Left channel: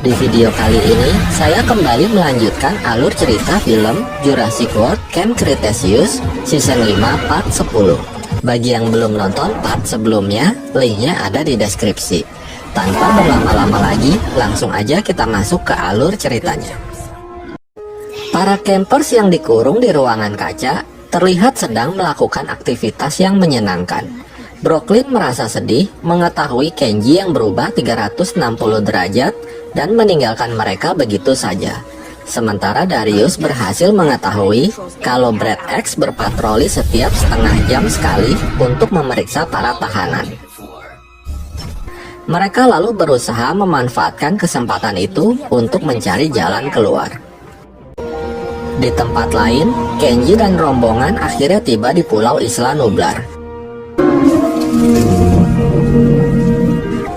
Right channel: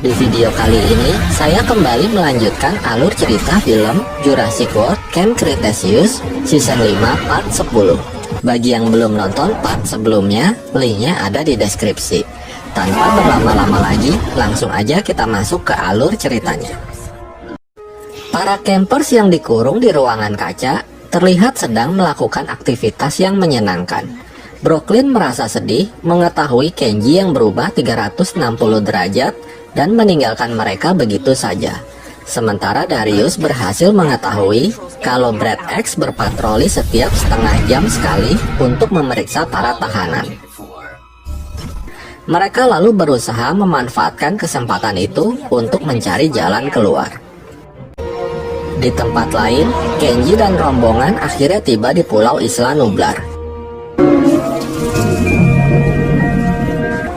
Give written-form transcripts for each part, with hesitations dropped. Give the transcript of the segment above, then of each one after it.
Di video kali ini, saya kembali melanjutkan alur cerita film Jurassic World Camp Cretaceous Season 5 Part 10. Bagi yang belum nonton part sebelumnya, linknya ada di deskripsi. Tanpa berlama-lama lagi, langsung aja kita masuk ke alur ceritanya. Para campers yang dikurung di ruangan kaca terlihat sedang melakukan aktivitas yang menyenangkan. Brooklyn merasa sedih mengetahui Kenji yang berubah 360 derajat dan meninggalkan mereka begitu saja. Sementara Darius berhasil mengetahui kalau Brad X berpatroli setiap setengah jam sekali untuk memeriksa para tahanan. Mereka lalu berusaha memanfaatkan kesempatan itu untuk mencari jalan keluar. Di tempat lain, Kenji dan rombongan akhirnya tiba di Pulau Isla Nublar.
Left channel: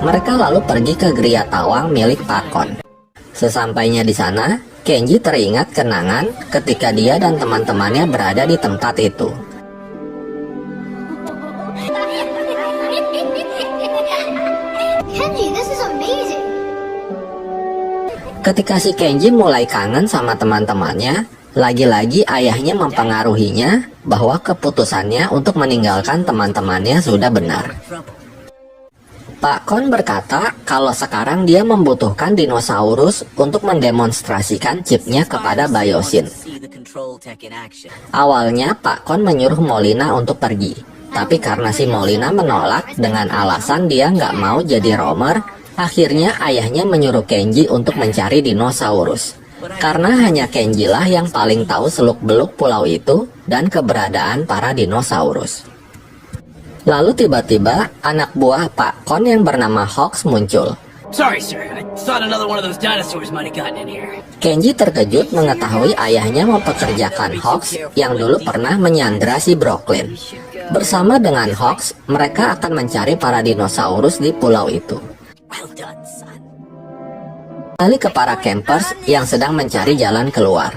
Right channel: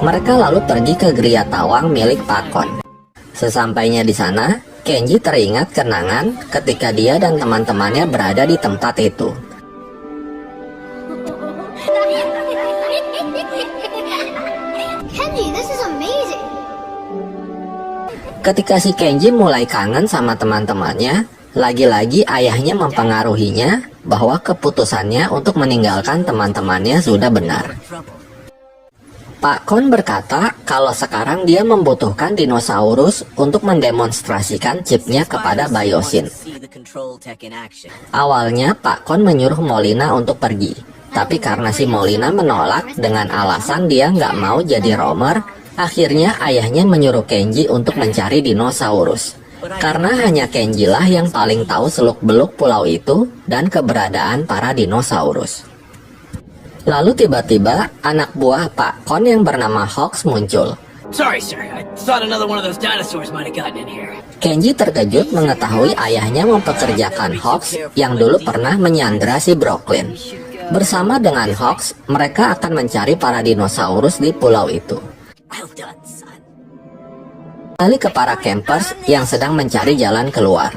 Mereka lalu pergi ke Gria Tawang milik Pakon. Sesampainya di sana, Kenji teringat kenangan ketika dia dan teman-temannya berada di tempat itu. Kenji, this is amazing. Ketika si Kenji mulai kangen sama teman-temannya, lagi-lagi ayahnya mempengaruhinya bahwa keputusannya untuk meninggalkan teman-temannya sudah benar. Pak Kon berkata kalau sekarang dia membutuhkan dinosaurus untuk mendemonstrasikan chipnya kepada Biosyn. Awalnya Pak Kon menyuruh Molina untuk pergi, tapi karena si Molina menolak dengan alasan dia nggak mau jadi roamer, akhirnya ayahnya menyuruh Kenji untuk mencari dinosaurus. Karena hanya Kenji lah yang paling tahu seluk-beluk pulau itu dan keberadaan para dinosaurus. Lalu tiba-tiba anak buah Pak Kon yang bernama Hawks muncul. Sorry, sir. I thought another one of those dinosaurs might have gotten in here. Kenji terkejut mengetahui ayahnya mempekerjakan Hawks yang dulu pernah menyandra si Brooklyn. Bersama dengan Hawks, mereka akan mencari para dinosaurus di pulau itu. Kembali ke para campers yang sedang mencari jalan keluar.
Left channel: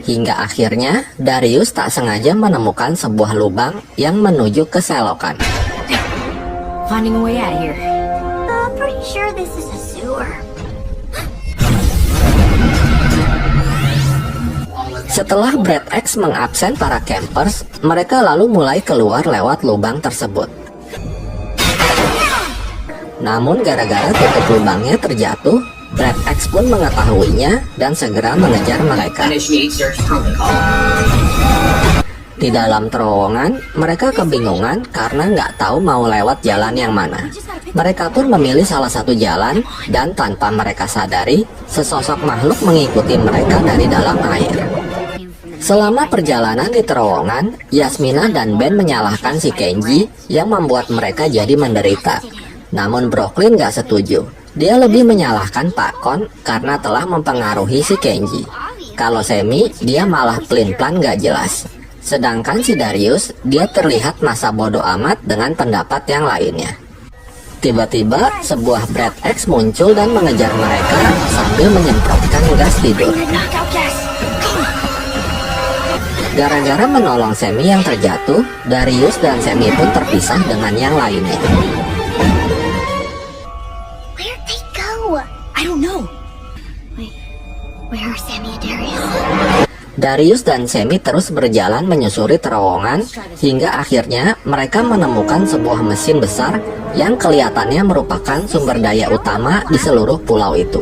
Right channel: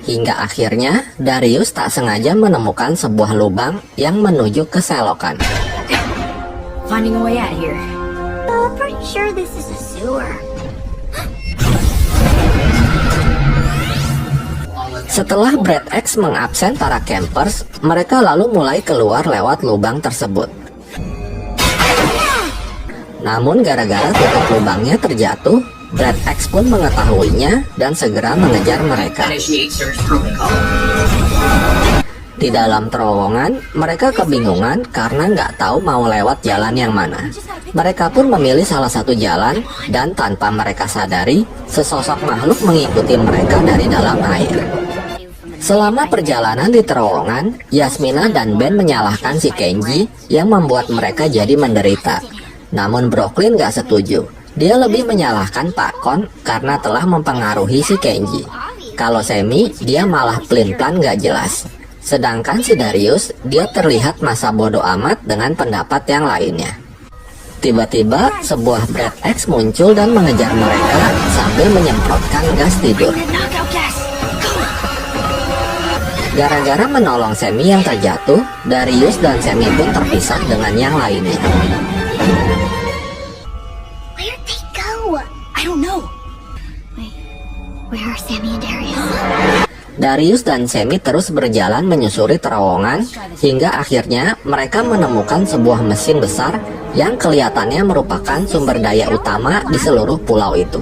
Hingga akhirnya Darius tak sengaja menemukan sebuah lubang yang menuju ke selokan. Finding a way out here. I'm pretty sure this is a sewer. Setelah Brad X mengabsen para campers, mereka lalu mulai keluar lewat lubang tersebut. Namun gara-gara tiket lubangnya terjatuh, Brad X pun mengetahuinya dan segera mengejar mereka. Di dalam terowongan, mereka kebingungan karena nggak tahu mau lewat jalan yang mana. Mereka pun memilih salah satu jalan dan tanpa mereka sadari, sesosok makhluk mengikuti mereka dari dalam air. Selama perjalanan di terowongan, Yasmina dan Ben menyalahkan si Kenji yang membuat mereka jadi menderita. Namun Brooklyn gak setuju. Dia lebih menyalahkan Pak Kon karena telah mempengaruhi si Kenji. Kalau Semi, dia malah pelin-pelan gak jelas. Sedangkan si Darius, dia terlihat masa bodoh amat dengan pendapat yang lainnya. Tiba-tiba, sebuah Brad X muncul dan mengejar mereka sambil menyemprotkan gas tidur. Gara-gara menolong Semi yang terjatuh, Darius dan Semi pun terpisah dengan yang lainnya. Where'd they go? I don't know. Wait, where are Sammy and Darius? Darius dan Semi terus berjalan menyusuri terowongan hingga akhirnya mereka menemukan sebuah mesin besar yang kelihatannya merupakan sumber daya utama di seluruh pulau itu.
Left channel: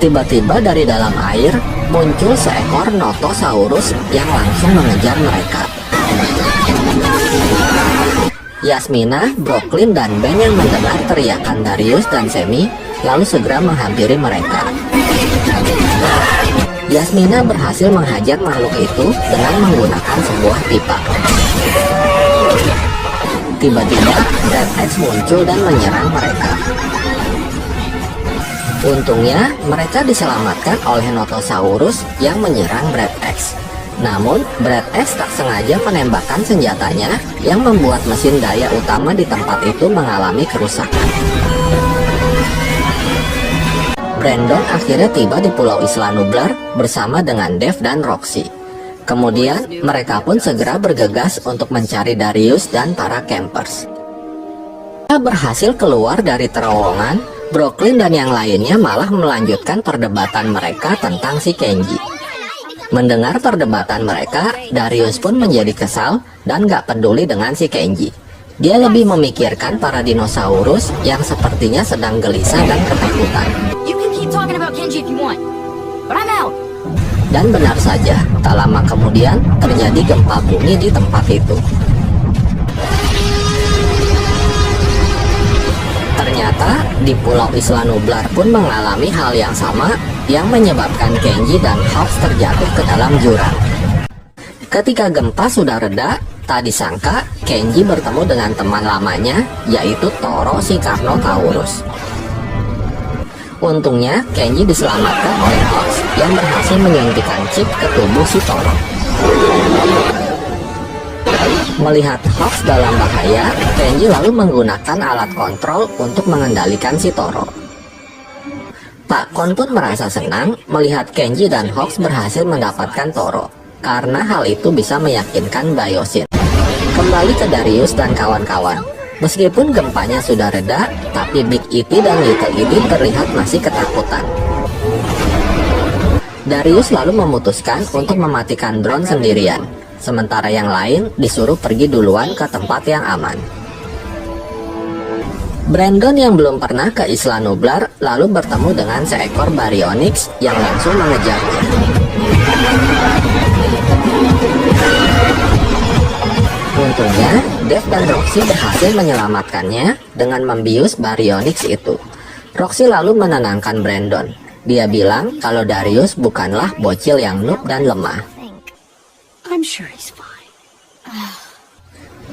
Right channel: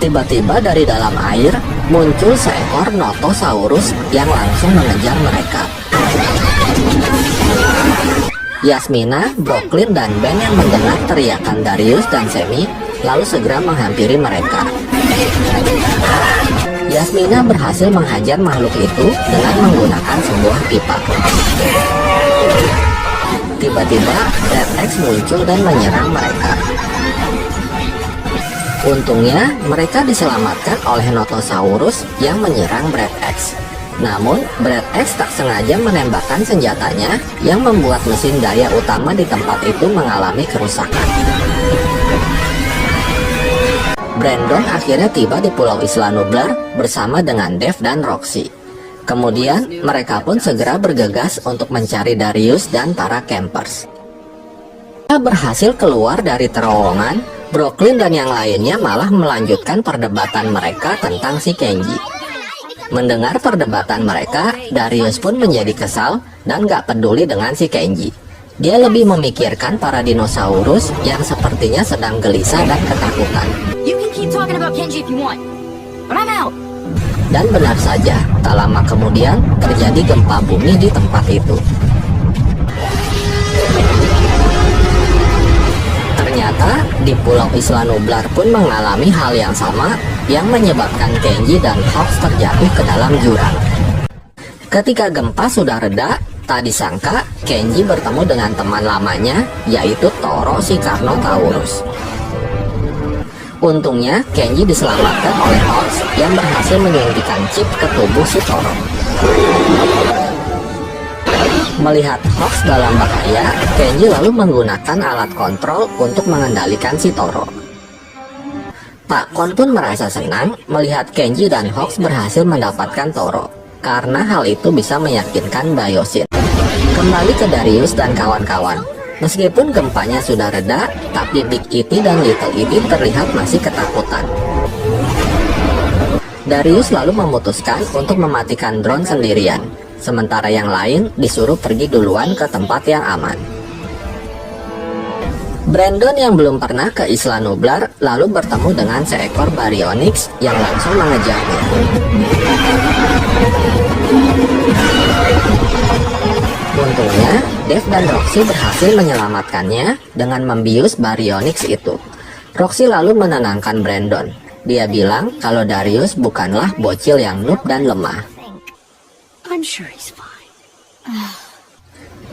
Tiba-tiba dari dalam air muncul seekor Notosaurus yang langsung mengejar mereka. Yasmina, Brooklyn, dan Ben yang mendengar teriakan Darius dan Semi lalu segera menghampiri mereka. Yasmina berhasil menghajar makhluk itu dengan menggunakan sebuah pipa. Tiba-tiba Brad X muncul dan menyerang mereka. Untungnya mereka diselamatkan oleh Notosaurus yang menyerang Brad X. Namun Brad X tak sengaja menembakkan senjatanya yang membuat mesin daya utama di tempat itu mengalami kerusakan. Brandon akhirnya tiba di Pulau Isla Nublar bersama dengan Dev dan Roxy. Kemudian mereka pun segera bergegas untuk mencari Darius dan para campers. Setelah berhasil keluar dari terowongan, Brooklyn dan yang lainnya malah melanjutkan perdebatan mereka tentang si Kenji. Mendengar perdebatan mereka, Darius pun menjadi kesal dan gak peduli dengan si Kenji. Dia lebih memikirkan para dinosaurus yang sepertinya sedang gelisah dan ketakutan. You can keep talking about Kenji if you want, but I'm out. Dan benar saja, tak lama kemudian terjadi gempa bumi di tempat itu. Ternyata di Pulau Isla Nublar pun mengalami hal yang sama yang menyebabkan Kenji dan Hawks terjatuh ke dalam jurang. Ketika gempa sudah reda, tak disangka Kenji bertemu dengan teman lamanya, yaitu Toro si Carnotaurus. Untungnya, Kenji diselamatkan oleh Hawks yang berhasil menyuntikkan chip ke tubuh si Toro. Melihat Hawks dalam bahaya, Kenji lalu menggunakan alat kontrol untuk mengendalikan si Toro. Pak Kon pun merasa senang melihat Kenji dan Hawks berhasil mendapatkan Toro, karena hal itu bisa meyakinkan Biosyn. Kembali ke Darius dan kawan-kawan. Meskipun gempanya sudah reda, tapi Big E.T. dan Little E.T. terlihat masih ketakutan. Darius lalu memutuskan untuk mematikan drone sendirian, sementara yang lain disuruh pergi duluan ke tempat yang aman. Brandon yang belum pernah ke Isla Nublar lalu bertemu dengan seekor Baryonyx yang langsung mengejarnya. Untungnya, Dave dan Roxy berhasil menyelamatkannya dengan membius Baryonyx itu. Roxy lalu menenangkan Brandon. Dia bilang kalau Darius bukanlah bocil yang noob dan lemah. I'm sure he's fine.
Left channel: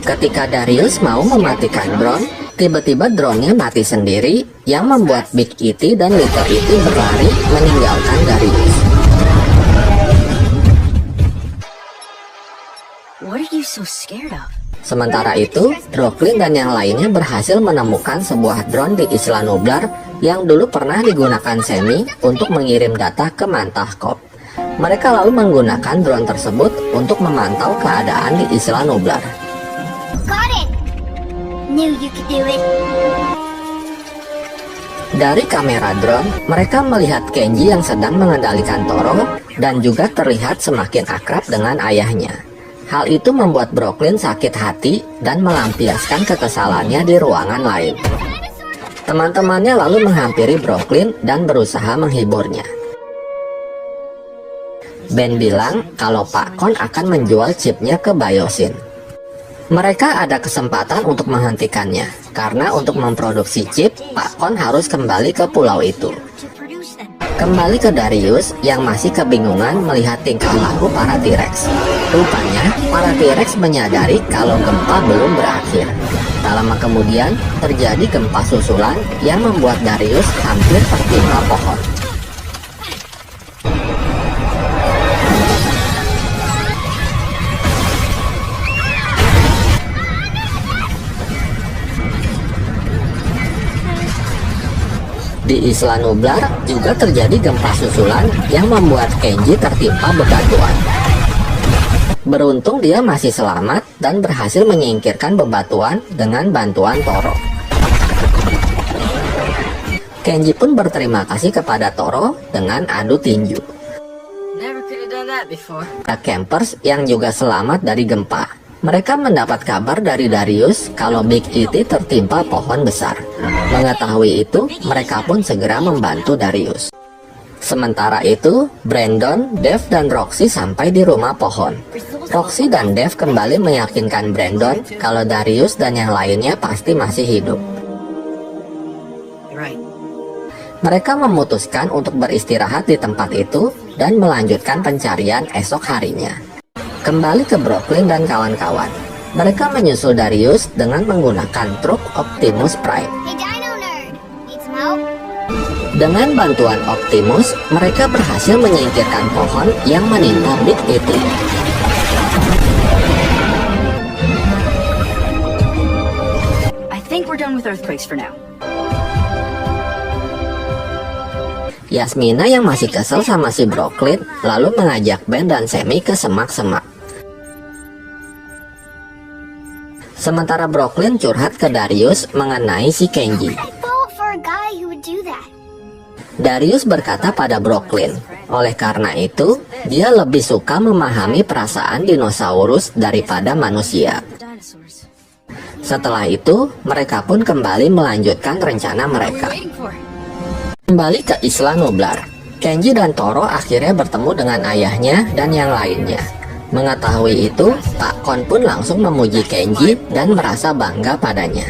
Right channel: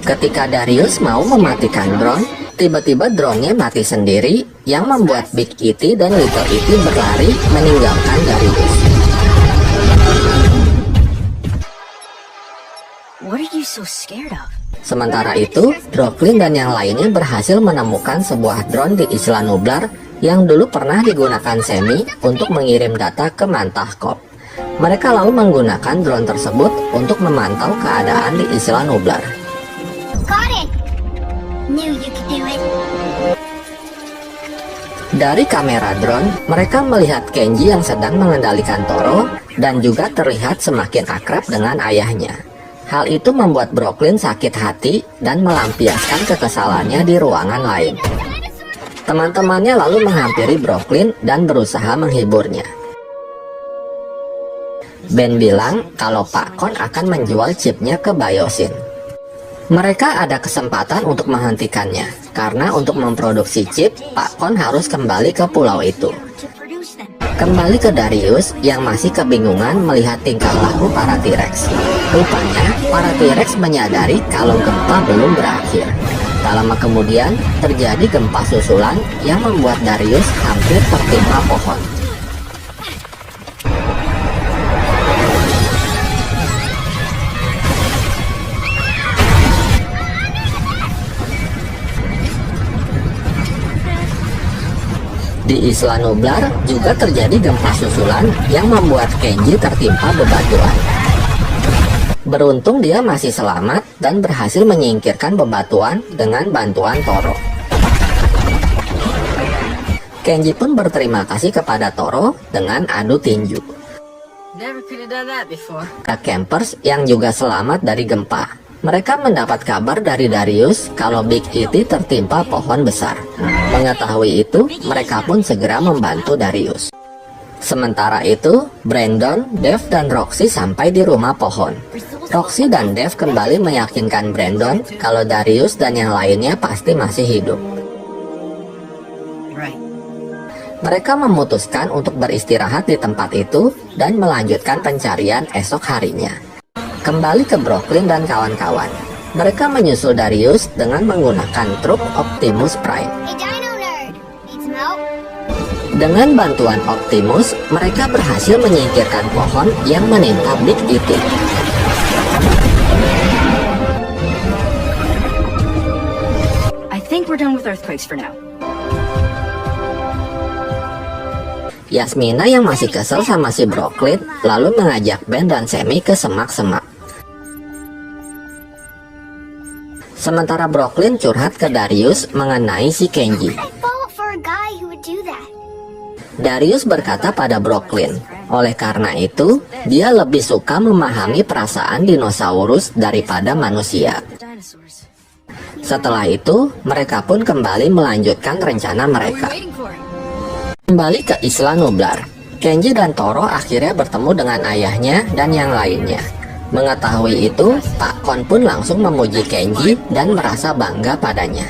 Ketika Darius mau mematikan drone, tiba-tiba drone-nya mati sendiri yang membuat Big E.T. dan Little E.T. berlari meninggalkan Darius. What are you so scared of? Sementara itu, Brooklyn dan yang lainnya berhasil menemukan sebuah drone di Isla Nublar yang dulu pernah digunakan Sammy untuk mengirim data ke Mantah Corp. Mereka lalu menggunakan drone tersebut untuk memantau keadaan di Isla Nublar. Got it! Knew you could do it. Dari kamera drone, mereka melihat Kenji yang sedang mengendalikan Toro dan juga terlihat semakin akrab dengan ayahnya. Hal itu membuat Brooklyn sakit hati dan melampiaskan kekesalannya di ruangan lain. Teman-temannya lalu menghampiri Brooklyn dan berusaha menghiburnya. Ben bilang kalau Pak Kon akan menjual chipnya ke Biosyn. Mereka ada kesempatan untuk menghentikannya, karena untuk memproduksi chip, Pak Kon harus kembali ke pulau itu. Kembali ke Darius yang masih kebingungan melihat tingkah laku para T-Rex. Rupanya, para T-Rex menyadari kalau gempa belum berakhir. Tak lama kemudian, terjadi gempa susulan yang membuat Darius hampir tertimpa pohon. Di Isla Nublar juga terjadi gempa susulan yang membuat Kenji tertimpa bebatuan. Beruntung dia masih selamat dan berhasil menyingkirkan bebatuan dengan bantuan Toro. Kenji pun berterima kasih kepada Toro dengan adu tinju. Never could have done that before. Campers yang juga selamat dari gempa. Mereka mendapat kabar dari Darius kalau Big E.T. tertimpa pohon besar. Mengetahui itu, mereka pun segera membantu Darius. Sementara itu, Brandon, Dave, dan Roxy sampai di rumah pohon. Roxy dan Dave kembali meyakinkan Brandon kalau Darius dan yang lainnya pasti masih hidup. Mereka memutuskan untuk beristirahat di tempat itu dan melanjutkan pencarian esok harinya. Kembali ke Brooklyn dan kawan-kawan. Mereka menyusul Darius dengan menggunakan truk Optimus Prime. Hey, Dino Nerd! Need some help? Dengan bantuan Optimus, mereka berhasil menyingkirkan pohon yang menimpa Big E.T. I think we're done with earthquakes for now. Yasmina yang masih kesel sama si Brooklyn lalu mengajak Ben dan Sammy ke semak-semak. Sementara Brooklyn curhat ke Darius mengenai si Kenji. I fall for a guy who would do that. Darius berkata pada Brooklyn, oleh karena itu, dia lebih suka memahami perasaan dinosaurus daripada manusia. Setelah itu, mereka pun kembali melanjutkan rencana mereka. Kembali ke Isla Nublar, Kenji dan Toro akhirnya bertemu dengan ayahnya dan yang lainnya. Mengetahui itu, Pak Kon pun langsung memuji Kenji dan merasa bangga padanya.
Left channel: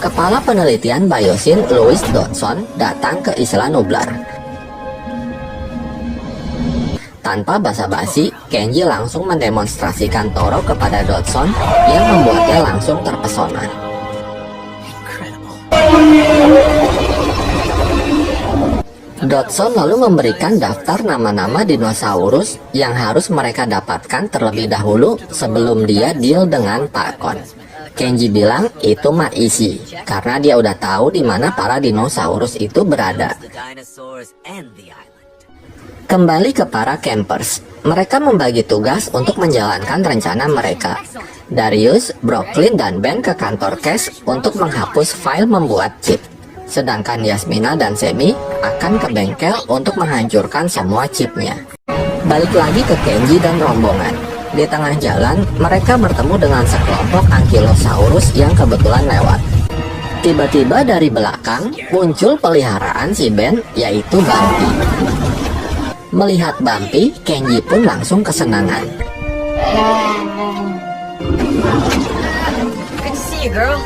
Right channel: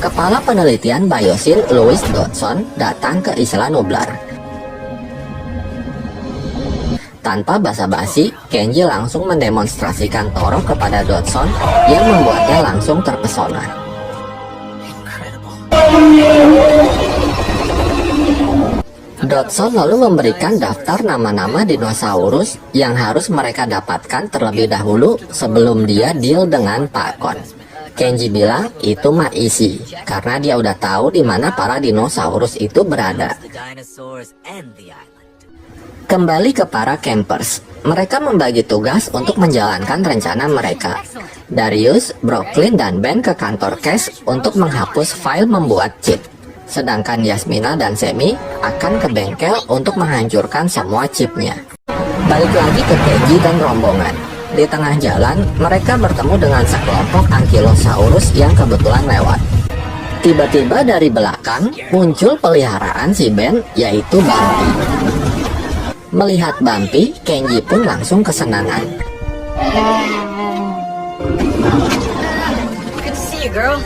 Kepala penelitian Biosin Louis Dodson datang ke Isla Nublar. Tanpa basa-basi, Kenji langsung mendemonstrasikan Toro kepada Dodson yang membuatnya langsung terpesona. Dodson lalu memberikan daftar nama-nama dinosaurus yang harus mereka dapatkan terlebih dahulu sebelum dia deal dengan Pak Kon. Kenji bilang itu mah easy, karena dia udah tahu di mana para dinosaurus itu berada. Kembali ke para campers, mereka membagi tugas untuk menjalankan rencana mereka. Darius, Brooklyn, dan Ben ke kantor Cash untuk menghapus file membuat chip. Sedangkan Yasmina dan Sammy akan ke bengkel untuk menghancurkan semua chipnya. Balik lagi ke Kenji dan rombongan. Di tengah jalan, mereka bertemu dengan sekelompok Ankylosaurus yang kebetulan lewat. Tiba-tiba dari belakang muncul peliharaan si Ben, yaitu Bumpy. Melihat Bumpy, Kenji pun langsung kesenangan.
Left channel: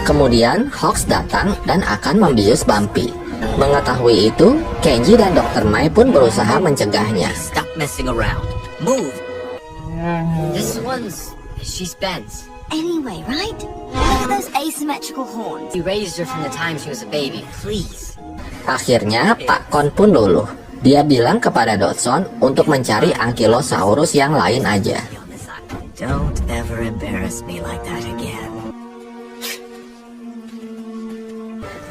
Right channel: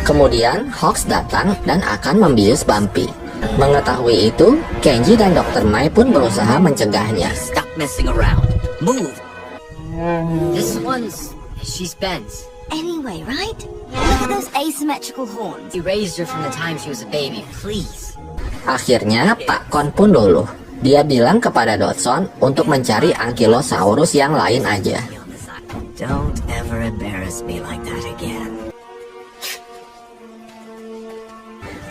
Kemudian Hawks datang dan akan membius Bumpy. Mengetahui itu, Kenji dan Dr. Mai pun berusaha mencegahnya. Stop messing around. Move. She's Ben's. Anyway, right? Those asymmetrical horns. You raised her from the time she was a baby. Please. Akhirnya Pak Kon pun luluh. Dia bilang kepada Dodson untuk mencari Ankylosaurus yang lain aja. Don't ever embarrass me like that again.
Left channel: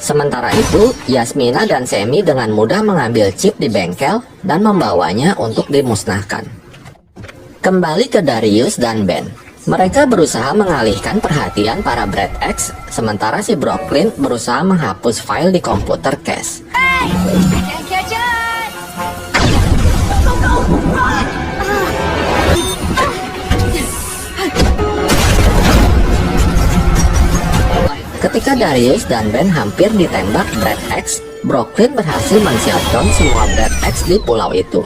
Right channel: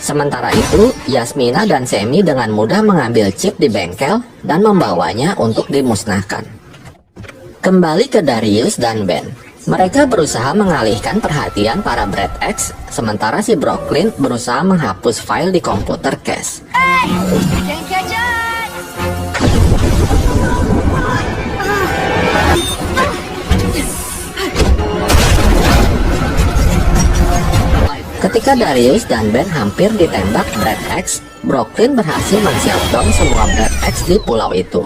Sementara itu, Yasmina dan Sammy dengan mudah mengambil chip di bengkel dan membawanya untuk dimusnahkan. Kembali ke Darius dan Ben. Mereka berusaha mengalihkan perhatian para Brad X, sementara si Brooklyn berusaha menghapus file di komputer Cash. Ketika Darius dan Ben hampir ditembak Brad X, Brooklyn berhasil men-shutdown semua Brad X di pulau itu.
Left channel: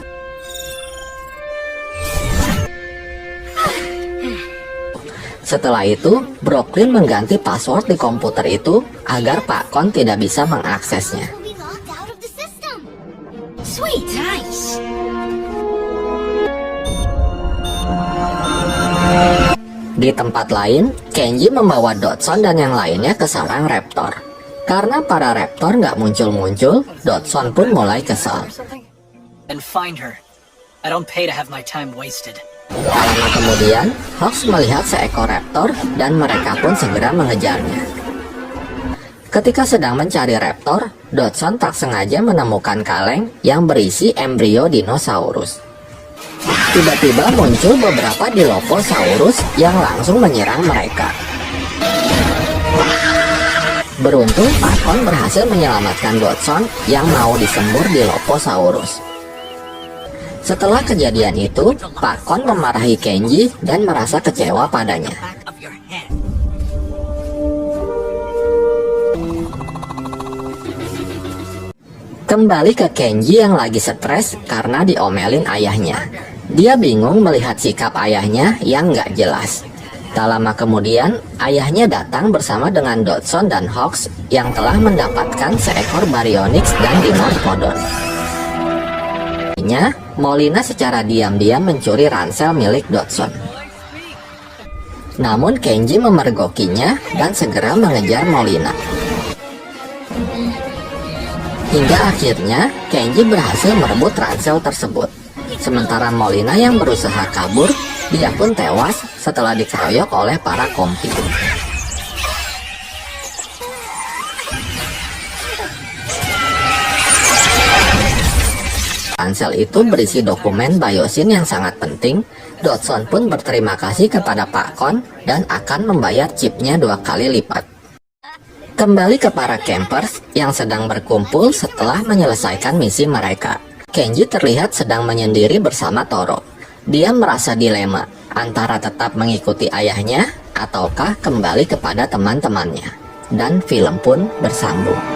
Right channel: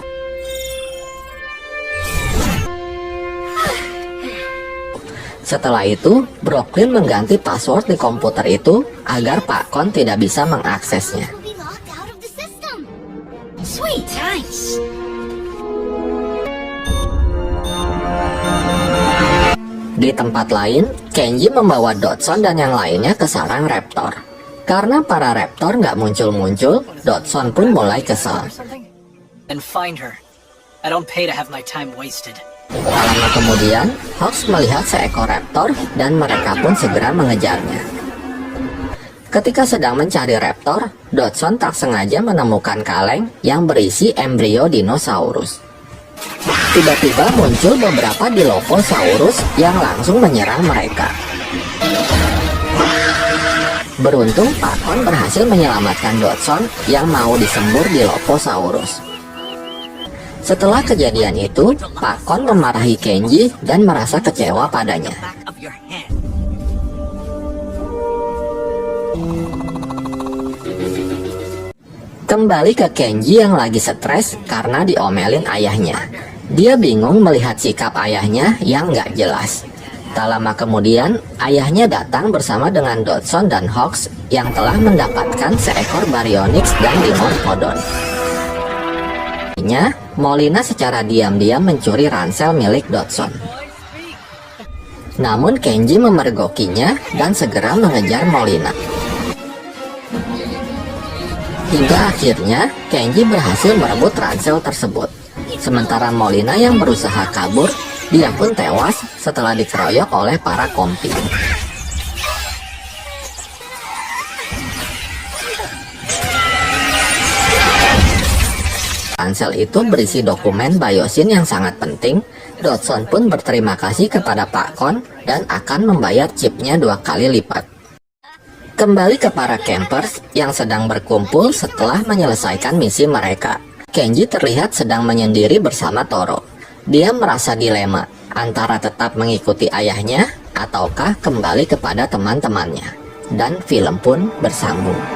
Setelah itu, Brooklyn mengganti password di komputer itu agar Pak Kon tidak bisa mengaksesnya. We locked out of the system. Sweet, nice. Di tempat lain, Kenji membawa Dodson dan yang lainnya ke sarang raptor. Karena para raptor nggak muncul-muncul, Dodson pun mulai kesal. And find her. I don't pay to have my time wasted. Lama kemudian, Hawks melihat seekor raptor dan mereka pun segera mengejarnya. Ketika sedang mencari raptor, Dodson tak sengaja menemukan kaleng yang berisi embrio dinosaurus. Tiba-tiba muncul beberapa Dilophosaurus yang langsung menyerang mereka. Beruntung, Pak Kon berhasil menyelamatkan Dodson yang mau disembur Dilophosaurus. Setelah kejadian itu, Pak Kon memarahi Kenji dan merasa kecewa padanya. Back of your head. Kembali ke Kenji yang lagi stres karena diomelin ayahnya. Dia bingung melihat sikap ayahnya yang nggak jelas. Tak lama kemudian, ayahnya datang bersama dengan Dodson dan Hawks yang telah mendapatkan seekor Baryonyx dan Dimorphodon. Molina secara diam-diam mencuri ransel milik Dodson. Namun Kenji memergokinya dan segera mengejar Molina. Hingga akhirnya Kenji berhasil merebut ransel tersebut. Sementara Molina yang berusaha kabur, dia pun tewas setelah dikeroyok oleh para kompi. Ransel itu berisi dokumen Biosyn yang sangat penting. Dodson pun berterima kasih kepada Pak Kon dan akan membayar chipnya 2 kali lipat. Kembali ke para campers yang sedang berkumpul setelah menyelesaikan misi mereka. Kenji terlihat sedang menyendiri bersama Toro. Dia merasa dilema antara tetap mengikuti ayahnya ataukah kembali kepada teman-temannya. Dan film pun bersambung.